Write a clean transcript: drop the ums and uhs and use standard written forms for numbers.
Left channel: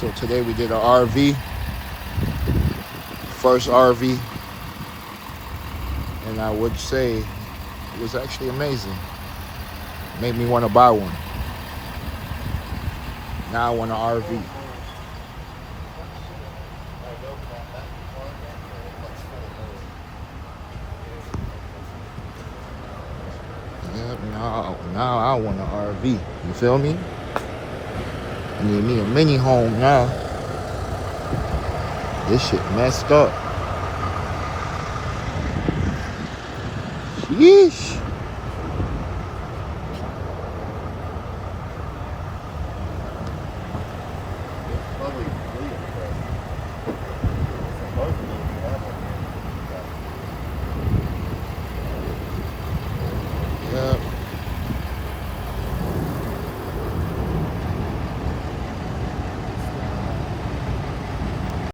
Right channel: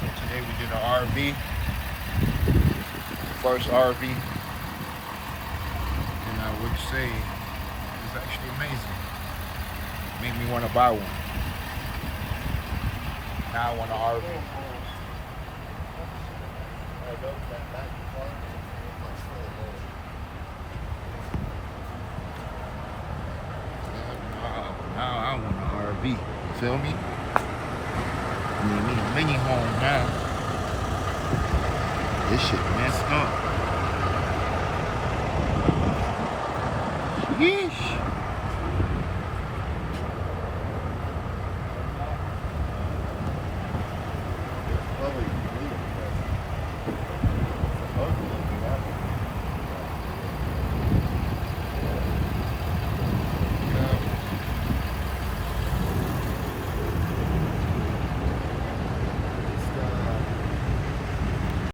So today we did an RV, first RV, and I would say it was actually amazing. Made me want to buy one. Now I want an RV. Now I want an RV. You feel me? I need me a mini home now. This shit messed up. Sheesh.